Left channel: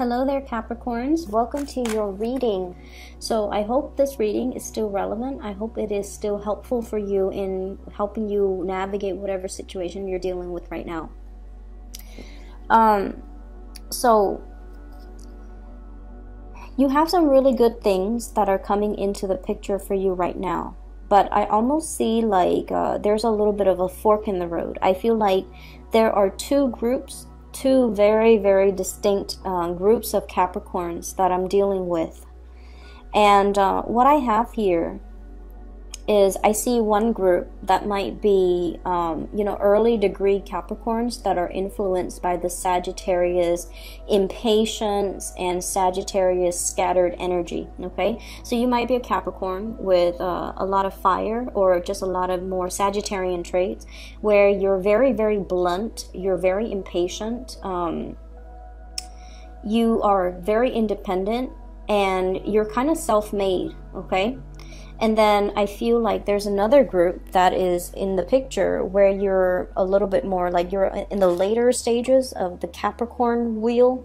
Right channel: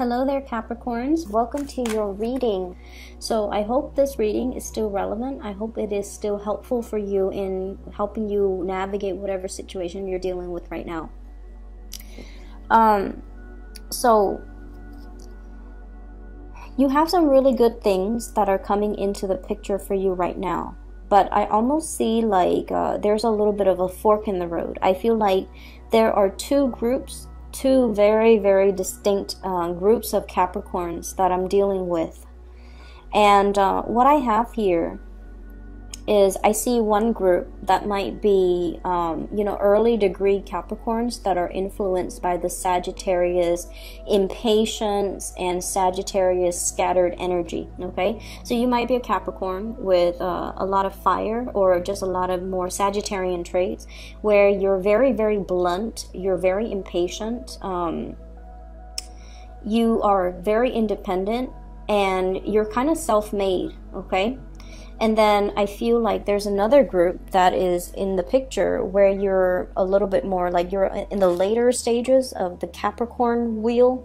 Hello there, Capricorns. Welcome to your reading. So I hope this reading is still relevant. I hope it is still helpful for you in helping you navigate whatever situation you're dealing with right now. So you have some really good things that are coming into the picture for you right now. But I almost see like there's a little bit of a fork in the road. I feel like there are two very, very distinct groups of Capricorns that I'm dealing with. And what I have here is I see one group that might be, early degree Capricorns that are influenced by the Sagittarius impatience and Sagittarius scattered energy, okay? So you might be a Capricorn with a lot of fire or just a lot of more Sagittarian traits where you're very, very blunt, you're very impatient, you are very independent, and you're kind of self-made, okay? And then I feel like there's another group that is in the picture where you're a little bit more like you're in the later stages of the Capricorn wheel,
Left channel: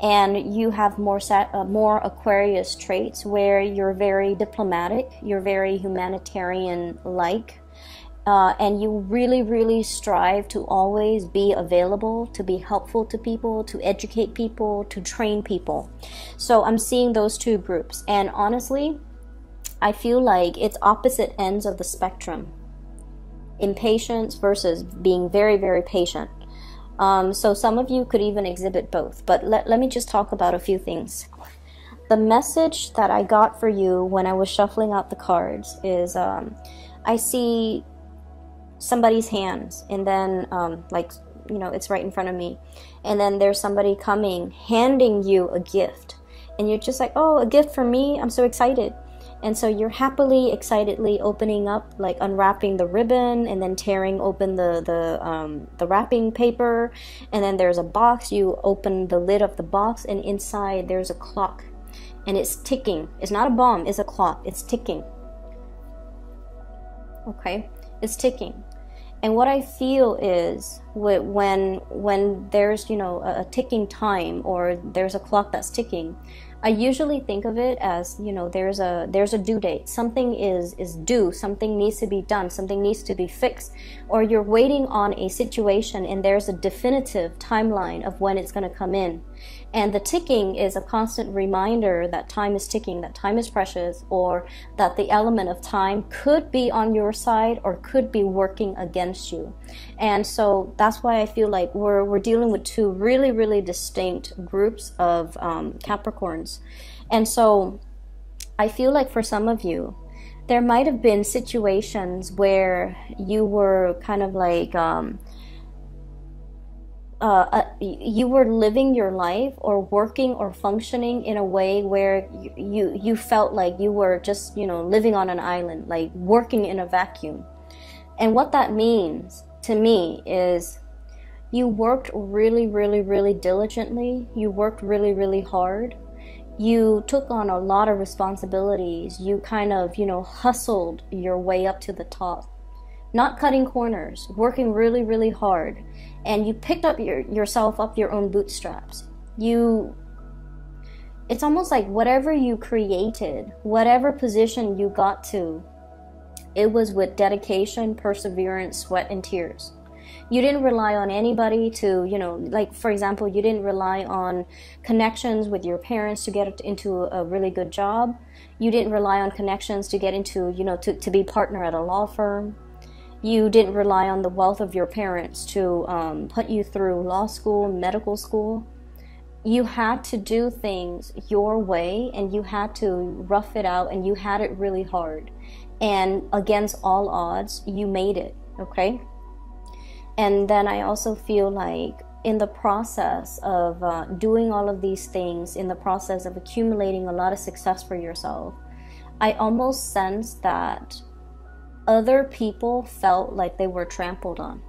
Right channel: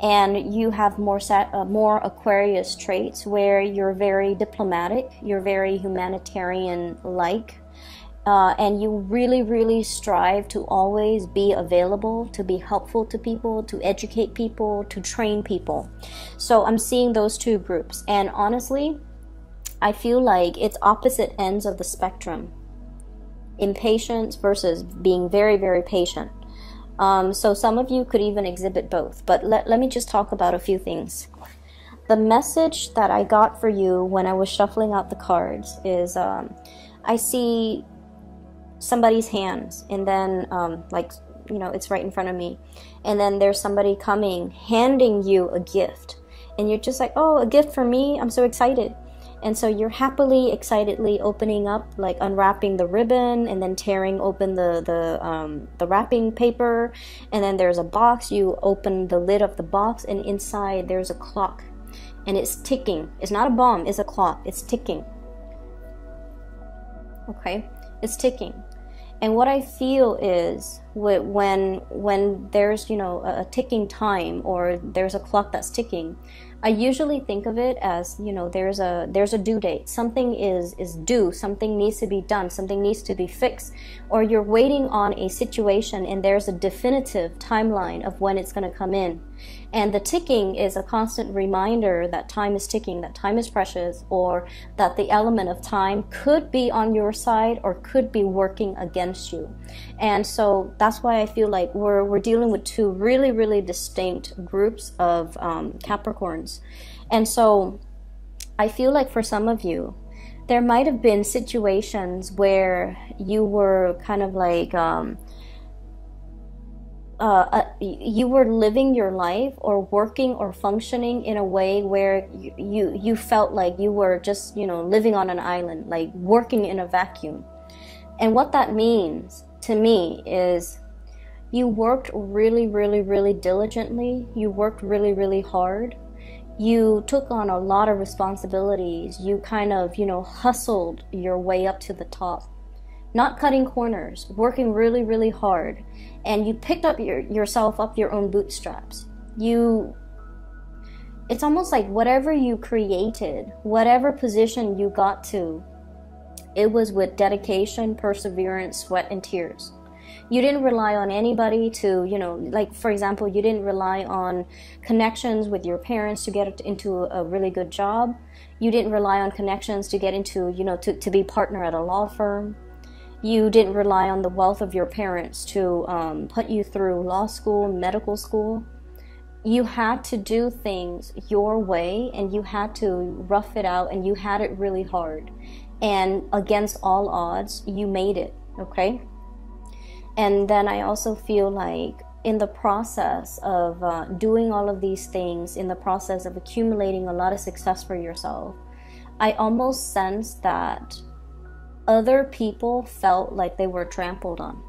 and you have more Aquarius traits where you're very diplomatic, you're very humanitarian-like, and you really, really strive to always be available, to be helpful to people, to educate people, to train people. So I'm seeing those two groups, and honestly, I feel like it's opposite ends of the spectrum. Impatience versus being very, very patient. So some of you could even exhibit both. But let me just talk about a few things. The message that I got for you when I was shuffling out the cards is I see somebody's hands. And then, it's right in front of me. And then there's somebody coming, handing you a gift. And you're just like, oh, a gift for me? I'm so excited. And so you're happily, excitedly opening up, like unwrapping the ribbon and then tearing open the wrapping paper. And then there's a box. You open the lid of the box, and inside there's a clock. And it's ticking. It's not a bomb. It's a clock. It's ticking. Okay? It's ticking. And what I feel is when there's, a ticking time or there's a clock that's ticking, I usually think of it as, there's a due date. Something is due. Something needs to be done. Something needs to be fixed. Or you're waiting on a situation and there's a definitive timeline of when it's going to come in. And the ticking is a constant reminder that time is ticking, that time is precious, or that the element of time could be on your side or could be working against you. And so that's why I feel like we're dealing with two really, really distinct groups of Capricorns. And so I feel like for some of you, there might have been situations where you were kind of like you were living your life or working or functioning in a way where you felt like you were just, living on an island, like working in a vacuum. And what that means to me is you worked really, really, really diligently. You worked really, really hard. You took on a lot of responsibilities. You kind of, hustled your way up to the top. Not cutting corners, working really, really hard. And you picked up yourself up your own bootstraps. It's almost like whatever you created, whatever position you got to, it was with dedication, perseverance, sweat, and tears. You didn't rely on anybody to, like, for example, you didn't rely on connections with your parents to get into a really good job. You didn't rely on connections to get into, to be partner at a law firm. You didn't rely on the wealth of your parents to put you through law school, medical school. You had to do things your way, and you had to rough it out, and you had it really hard. And against all odds, you made it, okay? And then I also feel like in the process of doing all of these things, in the process of accumulating a lot of success for yourself, I almost sense that other people felt like they were trampled on.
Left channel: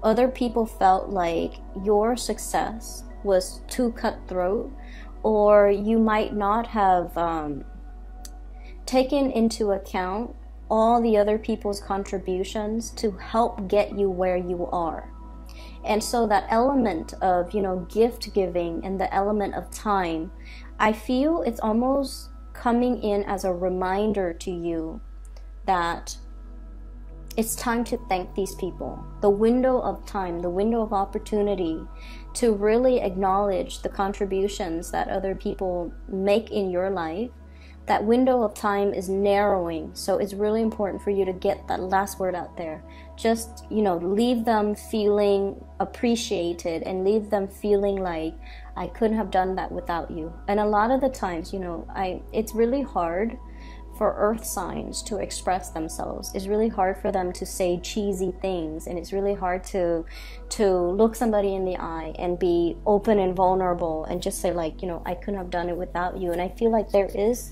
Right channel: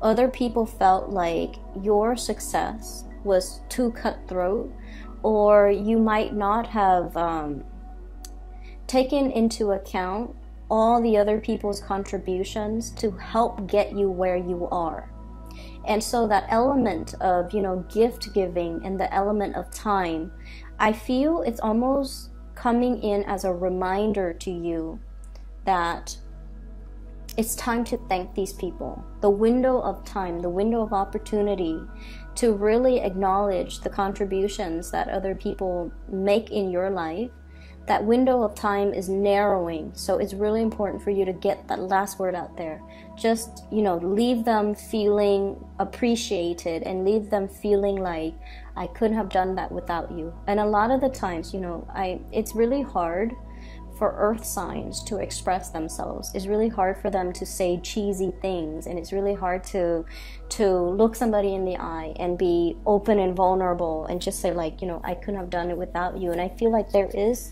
Other people felt like your success was too cutthroat, or you might not have taken into account all the other people's contributions to help get you where you are. And so that element of, you know, gift giving and the element of time, I feel it's almost coming in as a reminder to you that it's time to thank these people. The window of time, the window of opportunity to really acknowledge the contributions that other people make in your life, that window of time is narrowing. So it's really important for you to get that last word out there. Just, you know, leave them feeling appreciated and leave them feeling like, I couldn't have done that without you. And a lot of the times, you know, it's really hard for earth signs to express themselves. It's really hard for them to say cheesy things, and it's really hard to look somebody in the eye and be open and vulnerable and just say, like, you know, I couldn't have done it without you. And I feel like there's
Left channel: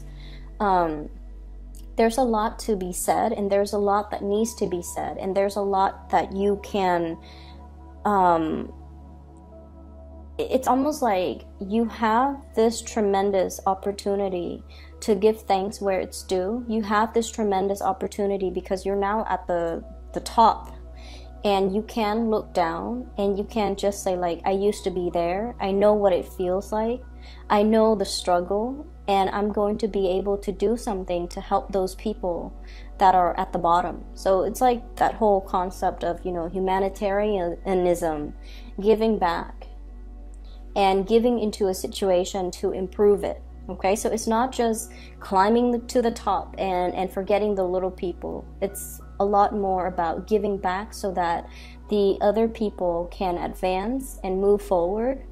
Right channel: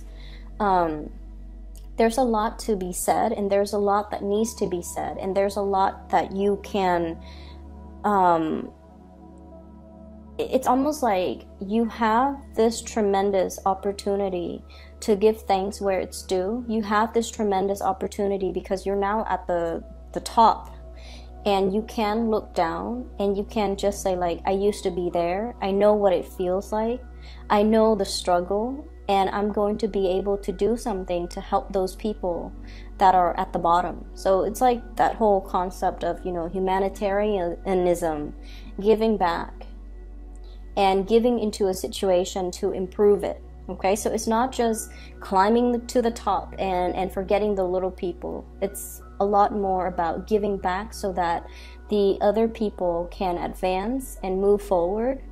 a lot to be said, and there's a lot that needs to be said, and there's a lot that you can it's almost like you have this tremendous opportunity to give thanks where it's due. You have this tremendous opportunity because you're now at the top, and you can look down and you can just say, like, I used to be there. I know what it feels like. I know the struggle, and I'm going to be able to do something to help those people that are at the bottom. So it's like that whole concept of, you know, humanitarianism, giving back and giving into a situation to improve it. Okay, so it's not just climbing to the top and forgetting the little people. It's a lot more about giving back so that the other people can advance and move forward.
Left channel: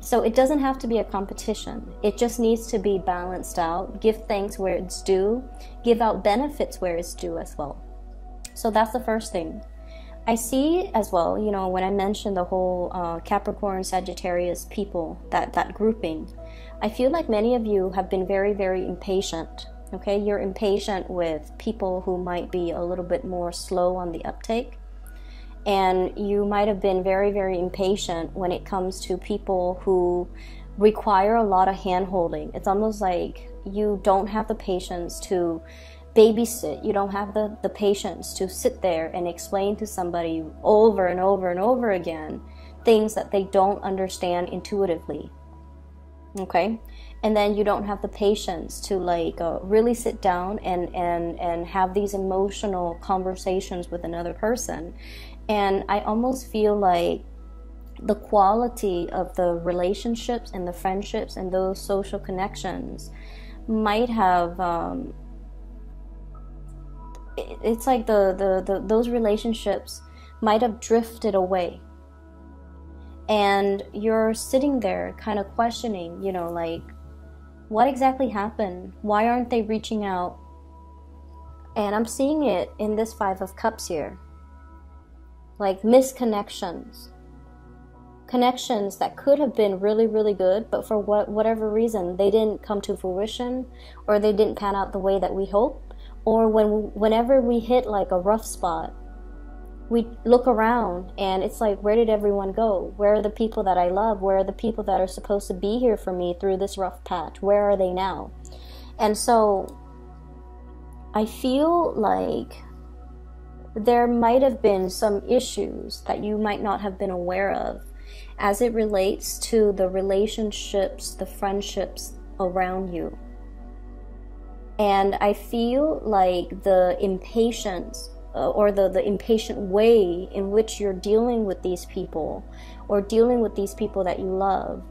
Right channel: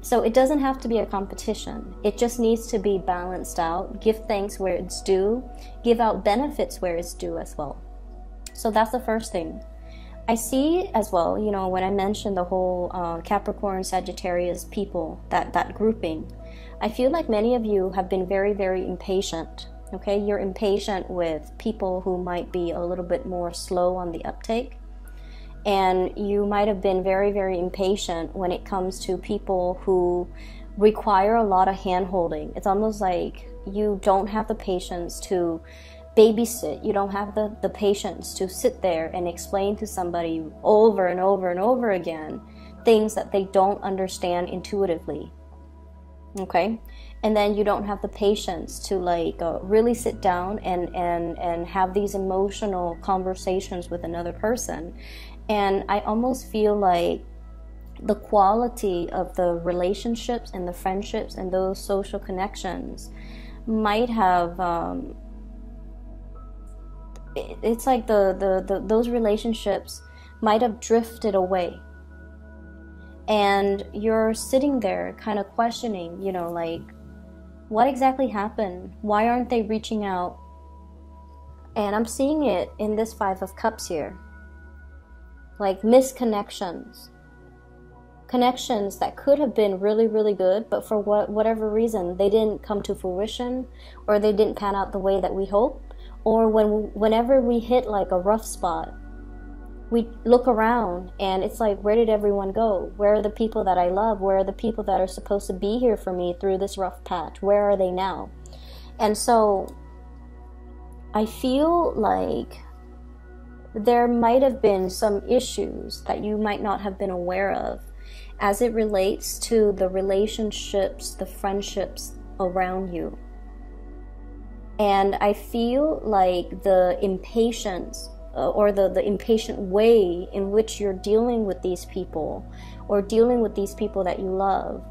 So it doesn't have to be a competition. It just needs to be balanced out. Give thanks where it's due. Give out benefits where it's due as well. So that's the first thing. I see as well, you know, when I mentioned the whole Capricorn, Sagittarius people, that grouping, I feel like many of you have been very, very impatient. Okay, you're impatient with people who might be a little bit more slow on the uptake. And you might have been very, very impatient when it comes to people who require a lot of hand-holding. It's almost like you don't have the patience to babysit. You don't have the patience to sit there and explain to somebody over and over and over again things that they don't understand intuitively. Okay? And then you don't have the patience to like really sit down and have these emotional conversations with another person. And I almost feel like the quality of the relationships and the friendships and those social connections might have it's like those relationships might have drifted away. And you're sitting there kind of questioning, you know, like, what exactly happened? Why aren't they reaching out? And I'm seeing it in this Five of Cups here. Like misconnections. Connections that could have been really, really good, but for whatever reason, they didn't come to fruition, or they didn't pan out the way that we hoped. Or whenever we hit like a rough spot, we look around and it's like, where did everyone go? Where are the people that I love? Where are the people that are supposed to be here for me through this rough patch? Where are they now? And so I feel like there might have been some issues that you might not have been aware of as it relates to the relationships, the friendships around you. And I feel like the impatience or the impatient way in which you're dealing with these people or dealing with these people that you love,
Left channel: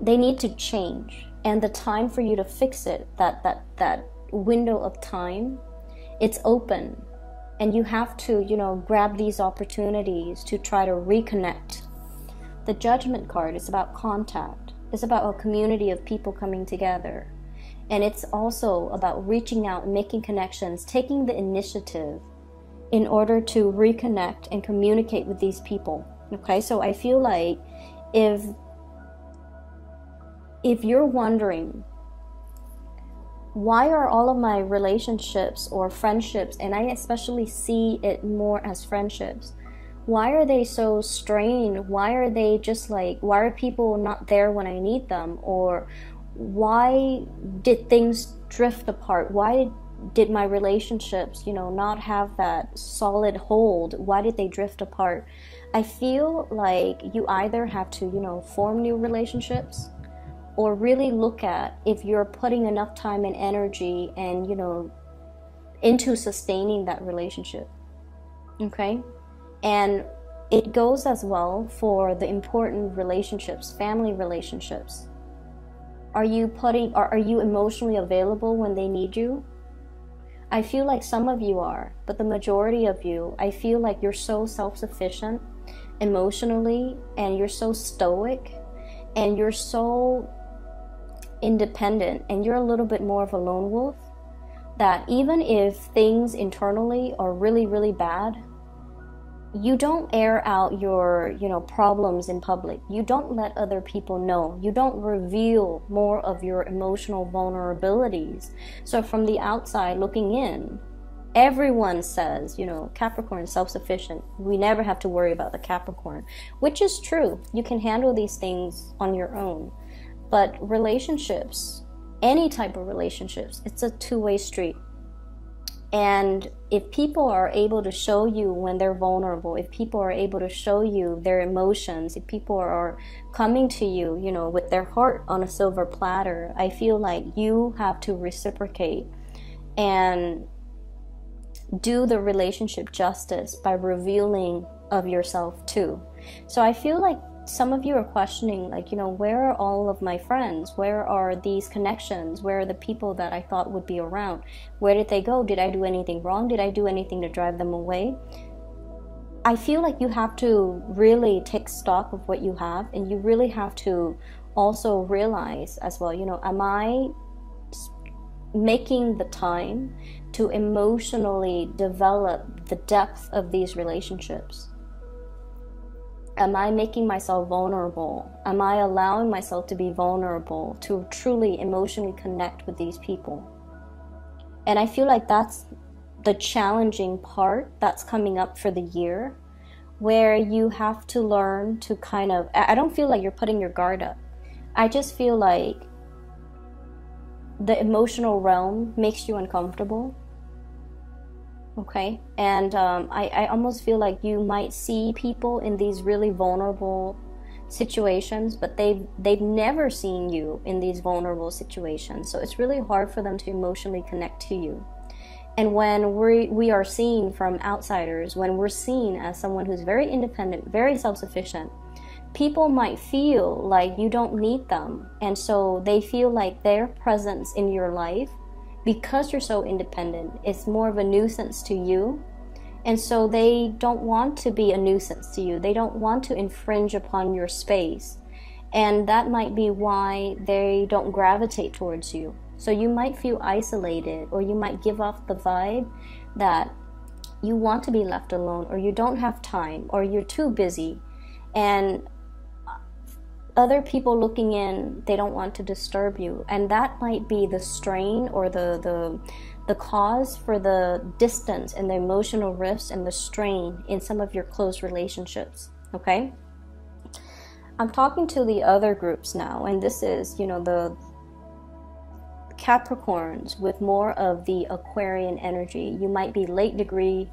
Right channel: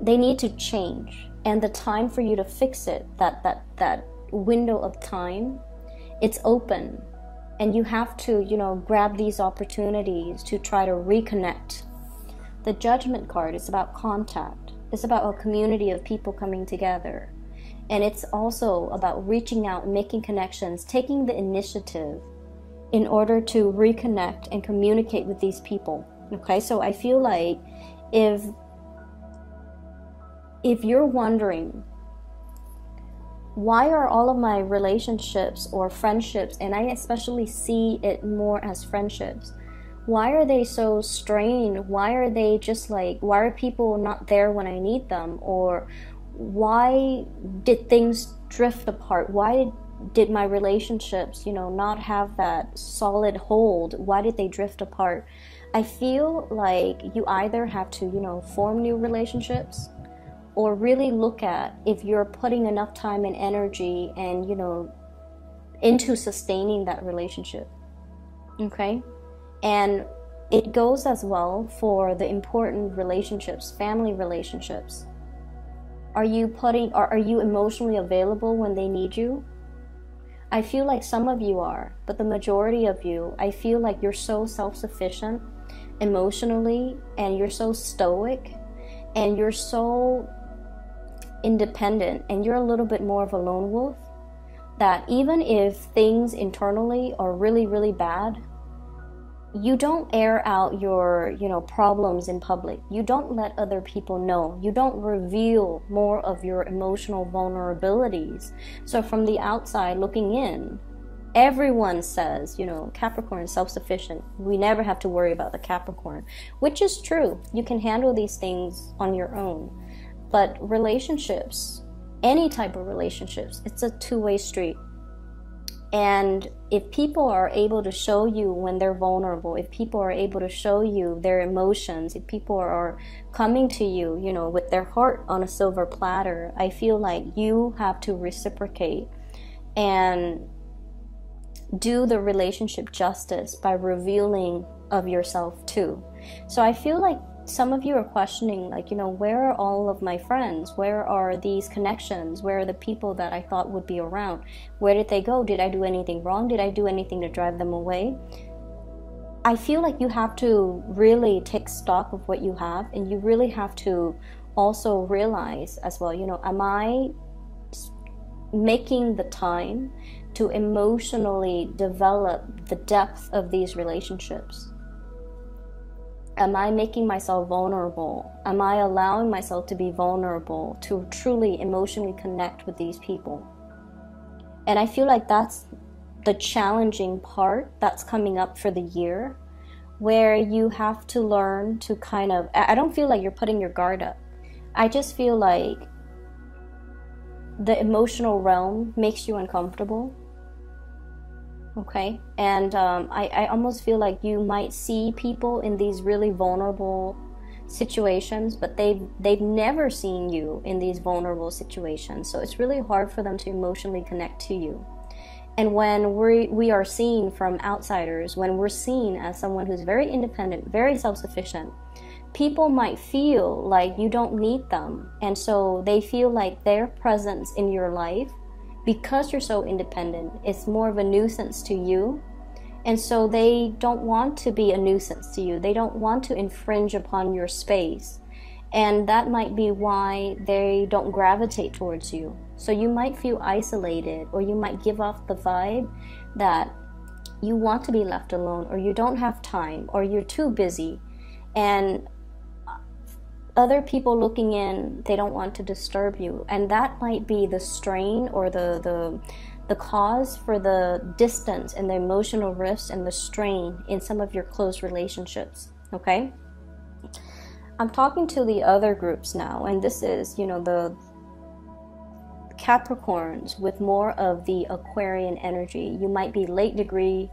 they need to change. And the time for you to fix it, that window of time, it's open. And you have to, you know, grab these opportunities to try to reconnect. The Judgment card is about contact. It's about a community of people coming together. And it's also about reaching out, making connections, taking the initiative in order to reconnect and communicate with these people. Okay, so I feel like if you're wondering, why are all of my relationships or friendships, and I especially see it more as friendships, why are they so strained? Why are they just like, why are people not there when I need them? Or why did things drift apart? Why did my relationships, you know, not have that solid hold? Why did they drift apart? I feel like you either have to, you know, form new relationships, or really look at if you're putting enough time and energy and, you know, into sustaining that relationship. Okay? And it goes as well for the important relationships, family relationships. Are you emotionally available when they need you? I feel like some of you are, but the majority of you, I feel like you're so self-sufficient emotionally, and you're so stoic, and you're so independent, and you're a little bit more of a lone wolf, that even if things internally are really, really bad, you don't air out your, you know, problems in public. You don't let other people know. You don't reveal more of your emotional vulnerabilities. So from the outside looking in, everyone says, you know, Capricorn is self-sufficient. We never have to worry about the Capricorn, which is true. You can handle these things on your own. But relationships, any type of relationships, it's a two-way street. And if people are able to show you when they're vulnerable, if people are able to show you their emotions, if people are coming to you, you know, with their heart on a silver platter, I feel like you have to reciprocate and do the relationship justice by revealing of yourself too. So I feel like some of you are questioning, like, you know, where are all of my friends? Where are these connections? Where are the people that I thought would be around? Where did they go? Did I do anything wrong? Did I do anything to drive them away? I feel like you have to really take stock of what you have, and you really have to also realize as well, you know, am I making the time to emotionally develop the depth of these relationships? Am I making myself vulnerable? Am I allowing myself to be vulnerable, to truly emotionally connect with these people? And I feel like that's the challenging part that's coming up for the year, where you have to learn to kind of, I don't feel like you're putting your guard up. I just feel like the emotional realm makes you uncomfortable. Okay, and I almost feel like you might see people in these really vulnerable situations, but they've never seen you in these vulnerable situations. So it's really hard for them to emotionally connect to you. And when we are seen from outsiders, when we're seen as someone who's very independent, very self-sufficient, people might feel like you don't need them, and so they feel like their presence in your life, because you're so independent, it's more of a nuisance to you. And so they don't want to be a nuisance to you. They don't want to infringe upon your space. And that might be why they don't gravitate towards you. So you might feel isolated, or you might give off the vibe that you want to be left alone, or you don't have time, or you're too busy. And other people looking in, they don't want to disturb you, and that might be the strain or the cause for the distance and the emotional rifts and the strain in some of your close relationships. Okay, I'm talking to the other groups now, and this is, you know, the Capricorns with more of the Aquarian energy. You might be late degree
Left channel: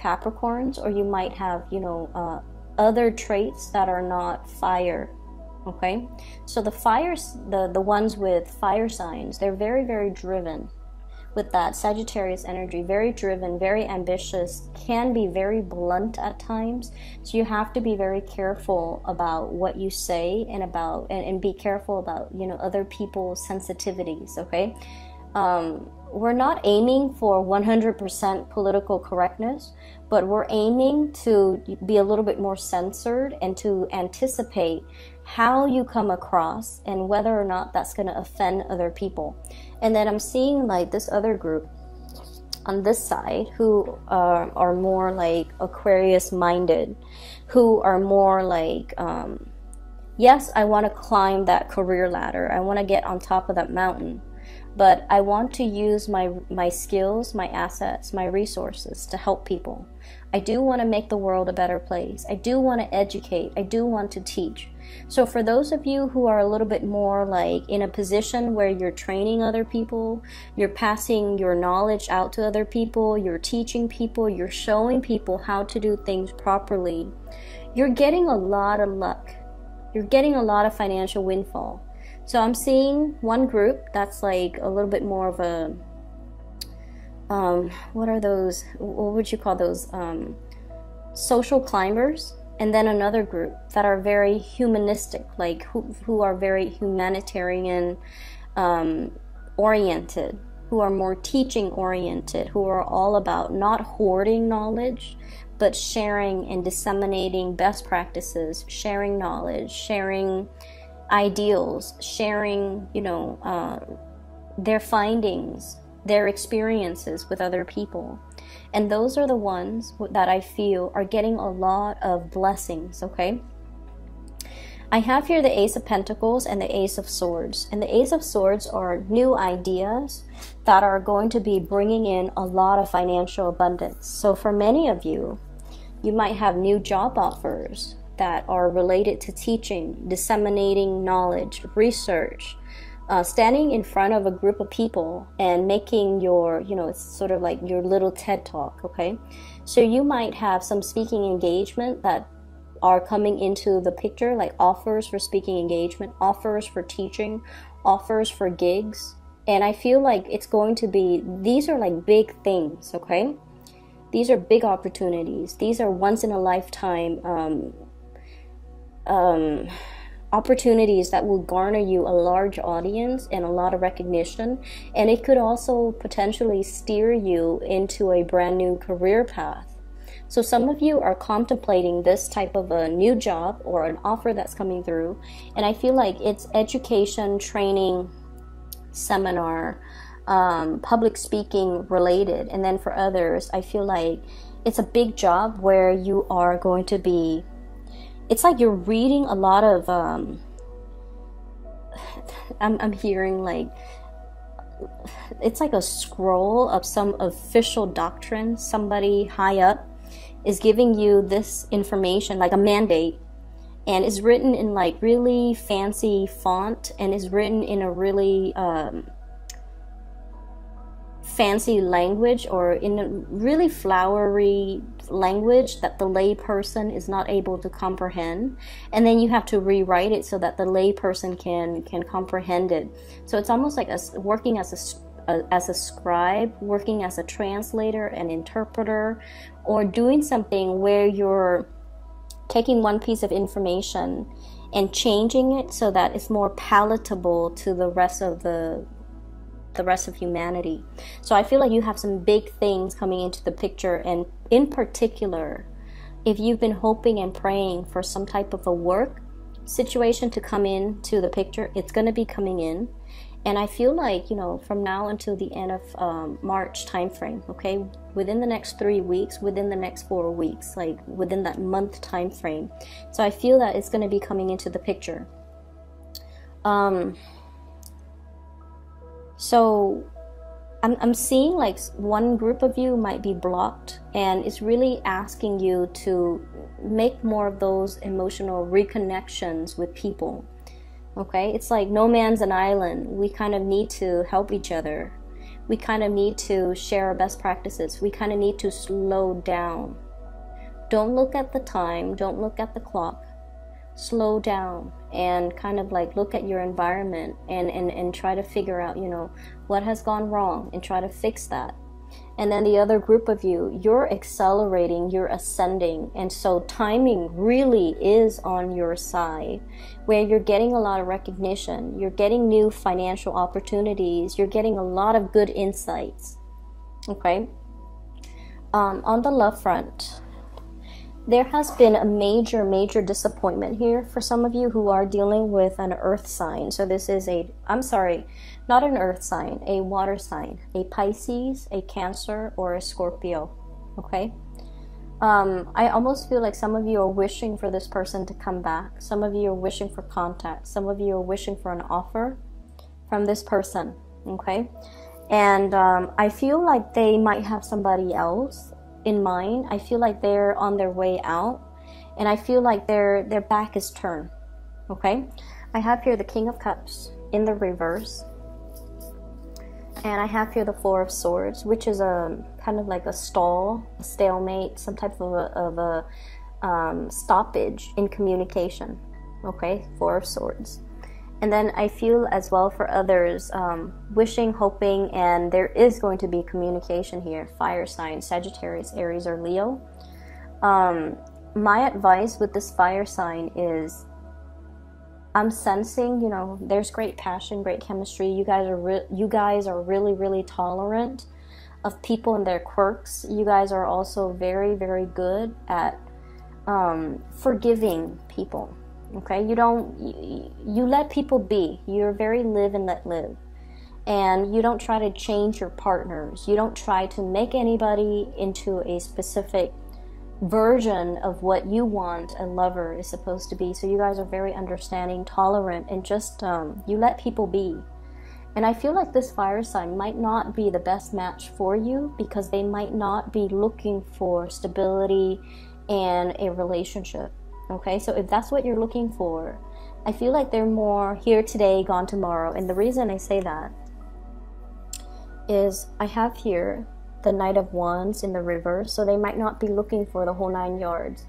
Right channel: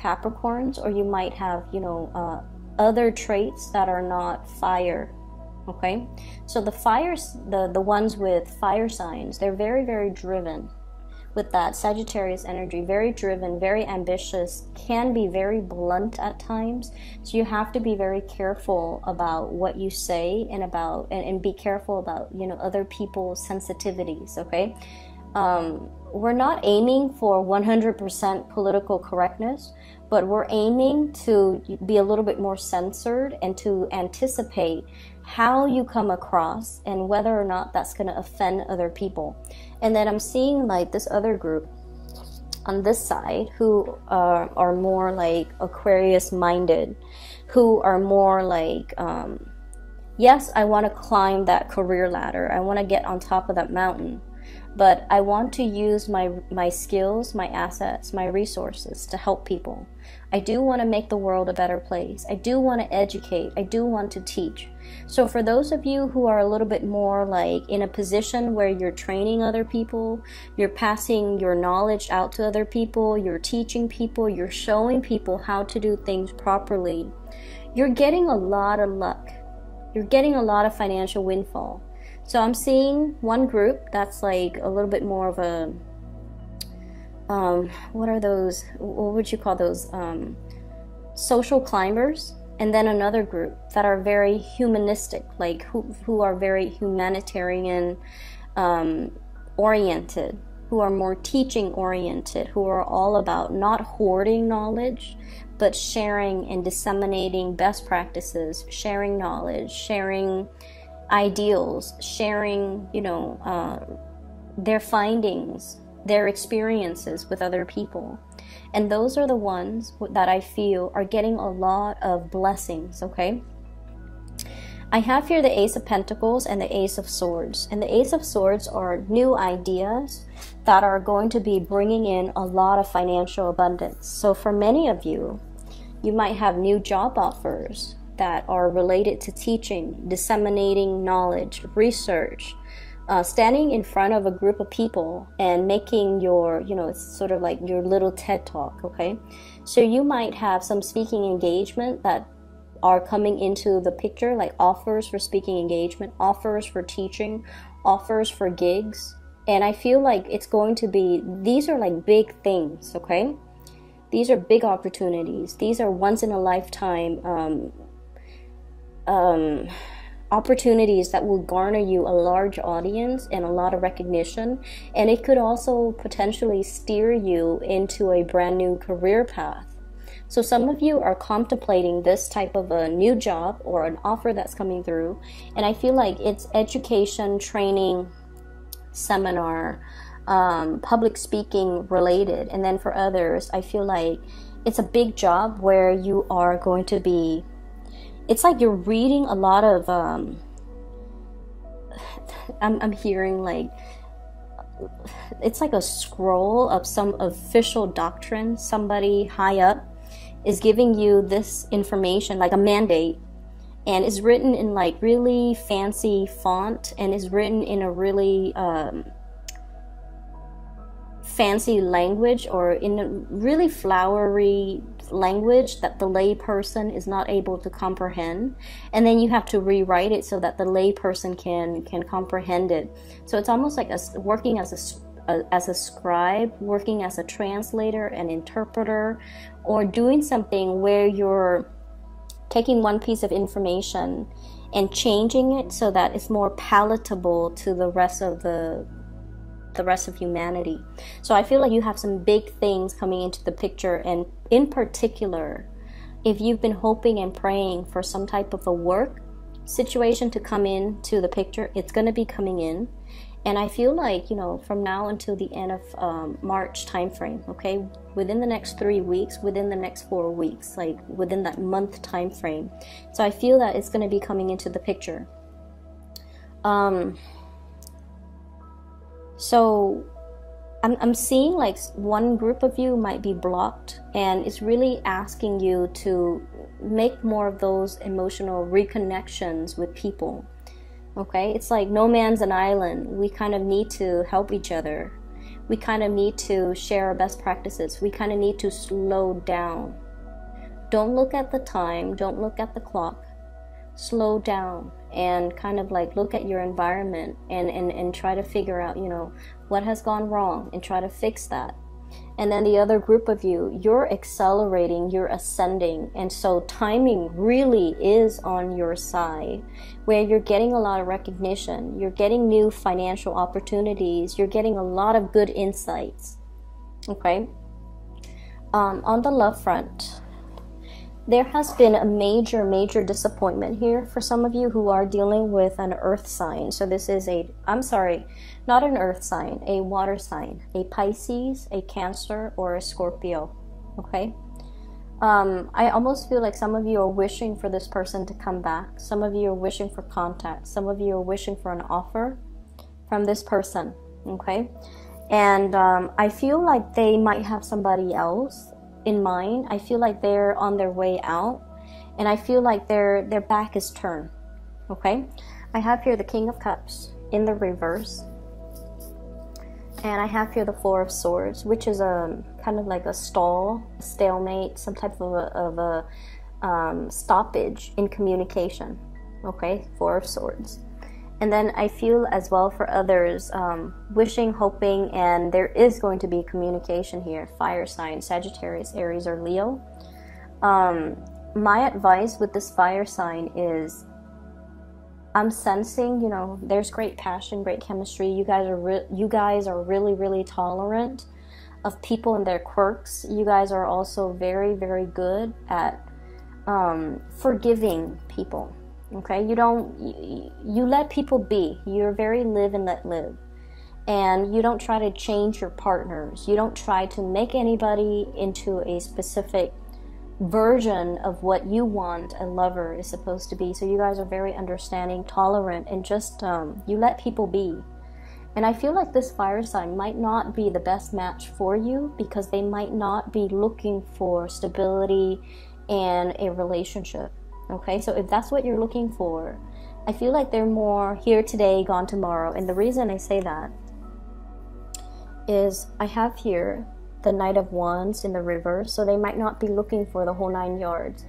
Capricorns, or you might have, you know, other traits that are not fire. Okay, so the fires, the ones with fire signs, they're very, very driven with that Sagittarius energy, very driven, very ambitious, can be very blunt at times. So you have to be very careful about what you say, and about and be careful about, you know, other people's sensitivities. Okay, we're not aiming for 100% political correctness, but we're aiming to be a little bit more censored and to anticipate how you come across and whether or not that's going to offend other people. And then I'm seeing like this other group on this side who are more like Aquarius minded, who are more like, yes, I want to climb that career ladder. I want to get on top of that mountain, but I want to use my skills, my assets, my resources to help people. I do want to make the world a better place. I do want to educate. I do want to teach. So for those of you who are a little bit more like in a position where you're training other people, you're passing your knowledge out to other people, you're teaching people, you're showing people how to do things properly, you're getting a lot of luck. You're getting a lot of financial windfall. So I'm seeing one group that's like a little bit more of a, what are those, what would you call those, social climbers. And then another group that are very humanistic, like who are very humanitarian oriented, who are more teaching oriented, who are all about not hoarding knowledge, but sharing and disseminating best practices, sharing knowledge, sharing ideals, sharing, you know, their findings, their experiences with other people. And those are the ones that I feel are getting a lot of blessings, okay? I have here the Ace of Pentacles and the Ace of Swords. And the Ace of Swords are new ideas that are going to be bringing in a lot of financial abundance. So for many of you, you might have new job offers that are related to teaching, disseminating knowledge, research, standing in front of a group of people and making your, you know, sort of like your little TED talk, okay? So you might have some speaking engagement that are coming into the picture, like offers for speaking engagement, offers for teaching, offers for gigs. And I feel like it's going to be, these are like big things, okay? These are big opportunities. These are once in a lifetime opportunities that will garner you a large audience and a lot of recognition, and it could also potentially steer you into a brand new career path. So some of you are contemplating this type of a new job or an offer that's coming through, and I feel like it's education, training, seminar, public speaking related. And then for others, I feel like it's a big job where you are going to be, it's like you're reading a lot of, I'm hearing like, it's like a scroll of some official doctrine. Somebody high up is giving you this information, like a mandate, and it's written in like really fancy font, and is written in a really fancy language, or in a really flowery language that the lay person is not able to comprehend, and then you have to rewrite it so that the lay person can comprehend it. So it's almost like working as a scribe, working as a translator, an interpreter, or doing something where you're taking one piece of information and changing it so that it's more palatable to the rest of humanity. So I feel like you have some big things coming into the picture, and in particular, if you've been hoping and praying for some type of a work situation to come into the picture, it's going to be coming in. And I feel like, you know, from now until the end of March time frame, okay, within the next 3 weeks, within the next 4 weeks, like within that month time frame. So I feel that it's going to be coming into the picture. So I'm seeing like one group of you might be blocked, and it's really asking you to make more of those emotional reconnections with people. Okay, it's like no man's an island. We kind of need to help each other. We kind of need to share our best practices. We kind of need to slow down. Don't look at the time. Don't look at the clock. Slow down and kind of like look at your environment and try to figure out, you know, what has gone wrong and try to fix that. And then the other group of you, you're accelerating, you're ascending, and so timing really is on your side, where you're getting a lot of recognition, you're getting new financial opportunities, you're getting a lot of good insights. Okay, on the love front, there has been a major disappointment here for some of you who are dealing with an earth sign. So this is not an earth sign, a water sign, a Pisces, a Cancer, or a Scorpio, okay? I almost feel like some of you are wishing for this person to come back. Some of you are wishing for contact. Some of you are wishing for an offer from this person, okay? And I feel like they might have somebody else in mind. I feel like they're on their way out, and I feel like their back is turned, okay? I have here the King of Cups in the reverse, and I have here the Four of Swords, which is kind of like a stalemate, some type of stoppage in communication. Okay, Four of Swords. And then I feel as well for others, wishing, hoping, and there is going to be communication here. Fire sign, Sagittarius, Aries, or Leo. My advice with this fire sign is, I'm sensing, you know, there's great passion, great chemistry. You guys are really, really tolerant of people and their quirks. You guys are also very, very good at forgiving people. Okay, you let people be. You're very live and let live. And you don't try to change your partners. You don't try to make anybody into a specific version of what you want a lover is supposed to be. So you guys are very understanding, tolerant, and just you let people be. And I feel like this fire sign might not be the best match for you because they might not be looking for stability and a relationship. Okay, so if that's what you're looking for, I feel like they're more here today, gone tomorrow. And the reason I say that is I have here the Knight of Wands in the reverse, so they might not be looking for the whole 9 yards.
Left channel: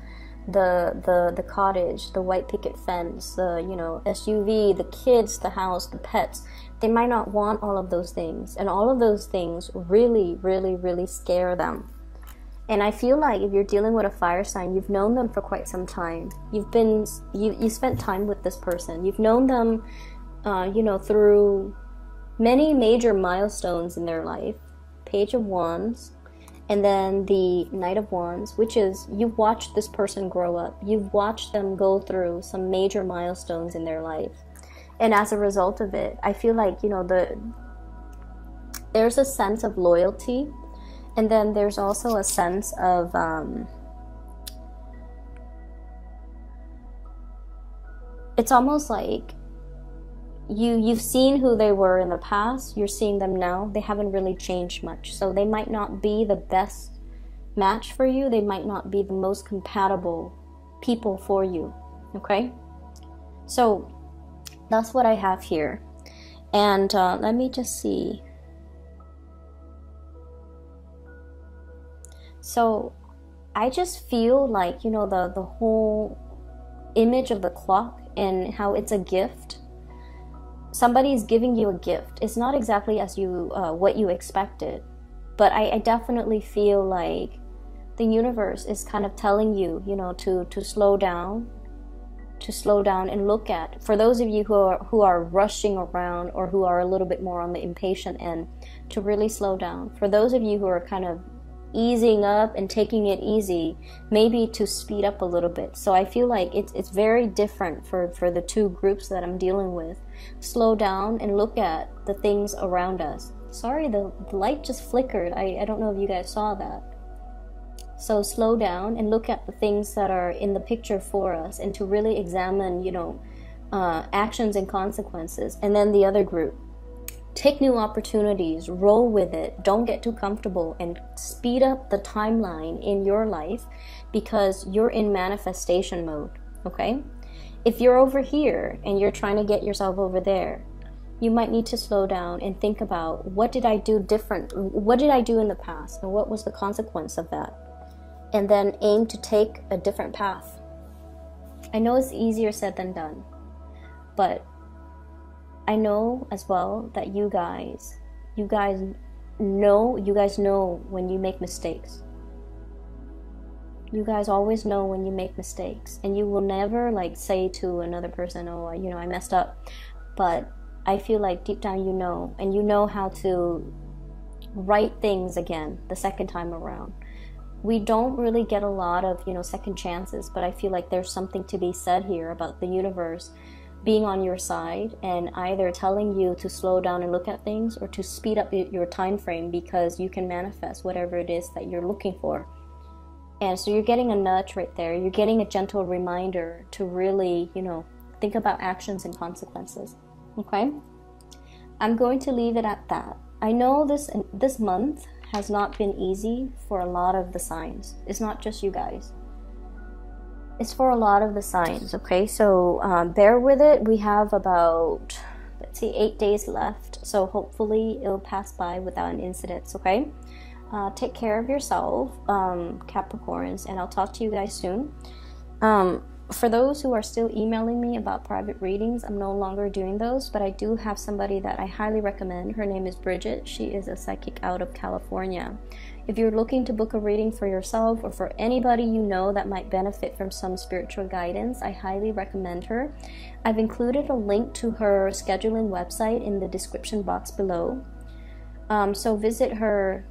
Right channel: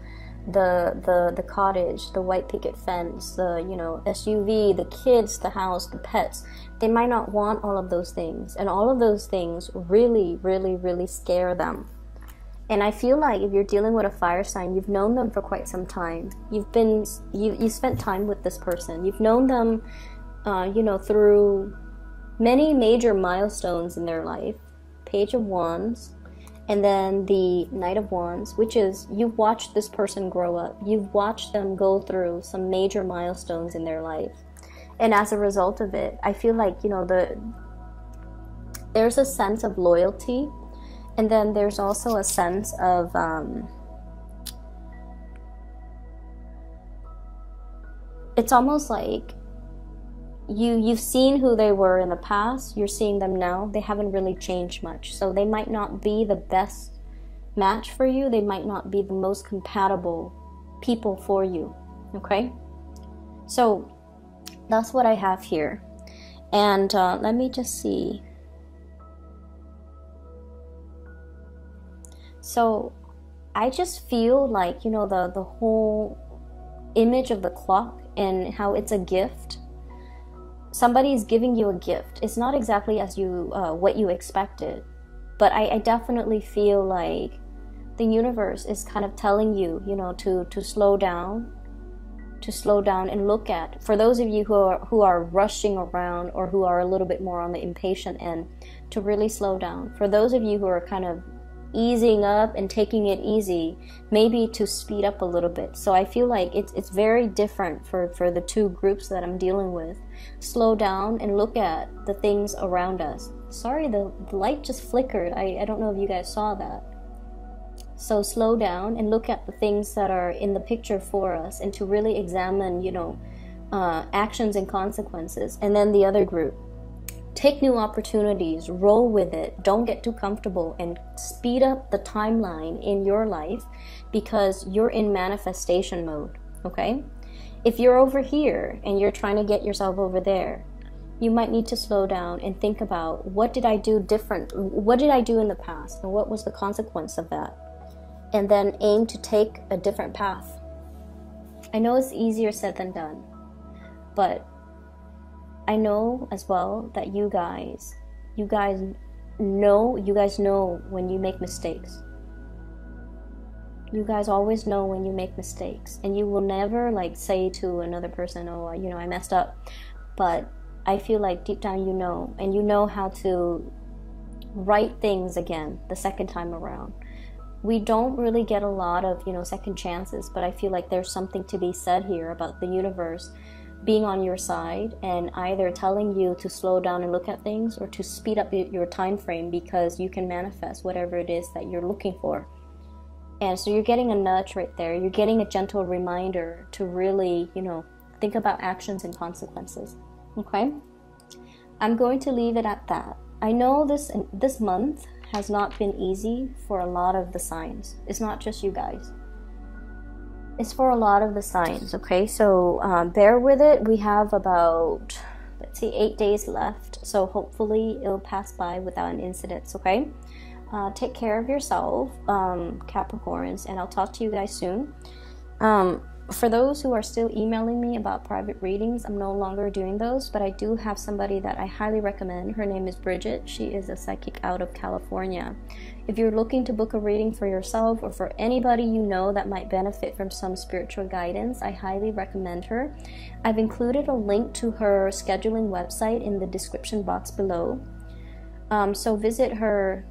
The cottage, the white picket fence, the, you know, SUV, the kids, the house, the pets. They might not want all of those things, and all of those things really, really, really scare them. And I feel like if you're dealing with a fire sign, you've known them for quite some time. You spent time with this person. You've known them, you know, through many major milestones in their life. Page of Wands, and then the Knight of Wands, which is you've watched this person grow up. You've watched them go through some major milestones in their life. And as a result of it, I feel like, you know, there's a sense of loyalty. And then there's also a sense of it's almost like you've seen who they were in the past, you're seeing them now. They haven't really changed much. So they might not be the best match for you. They might not be the most compatible people for you. Okay? So that's what I have here. And let me just see. So I just feel like, you know, the whole image of the clock and how it's a gift. Somebody is giving you a gift. It's not exactly as you what you expected, but I definitely feel like the universe is kind of telling you, you know, to slow down, and look at. For those of you who are rushing around or who are a little bit more on the impatient end, to really slow down. For those of you who are kind of easing up and taking it easy, maybe to speed up a little bit. So I feel like it's very different for the two groups that I'm dealing with. Slow down and look at the things around us. Sorry, the light just flickered. I don't know if you guys saw that. So slow down and look at the things that are in the picture for us, and to really examine, you know, actions and consequences. And then the other group, take new opportunities, roll with it, don't get too comfortable, and speed up the timeline in your life because you're in manifestation mode. Okay? If you're over here and you're trying to get yourself over there, you might need to slow down and think about, what did I do different? What did I do in the past? And what was the consequence of that? And then aim to take a different path. I know it's easier said than done, but I know as well that you guys know when you make mistakes. You guys always know when you make mistakes, and you will never like say to another person, oh, you know, I messed up. But I feel like deep down you know, and you know how to right things again the second time around. We don't really get a lot of, you know, second chances, but I feel like there's something to be said here about the universe being on your side and either telling you to slow down and look at things, or to speed up your time frame because you can manifest whatever it is that you're looking for. And so you're getting a nudge right there. You're getting a gentle reminder to really, you know, think about actions and consequences. Okay? I'm going to leave it at that. I know this month has not been easy for a lot of the signs. It's not just you guys. It's for a lot of the signs, okay? So bear with it. We have about, let's see, 8 days left. So hopefully it'll pass by without an incident, okay? Take care of yourself, Capricorns, and I'll talk to you guys soon. For those who are still emailing me about private readings, I'm no longer doing those, but I do have somebody that I highly recommend. Her name is Bridget. She is a psychic out of California. If you're looking to book a reading for yourself or for anybody you know that might benefit from some spiritual guidance, I highly recommend her. I've included a link to her scheduling website in the description box below. So visit her,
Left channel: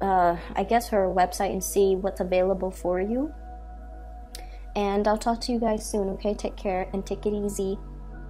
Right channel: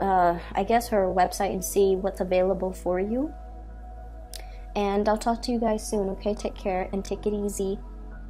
I guess her website, and see what's available for you. And I'll talk to you guys soon, okay? Take care and take it easy.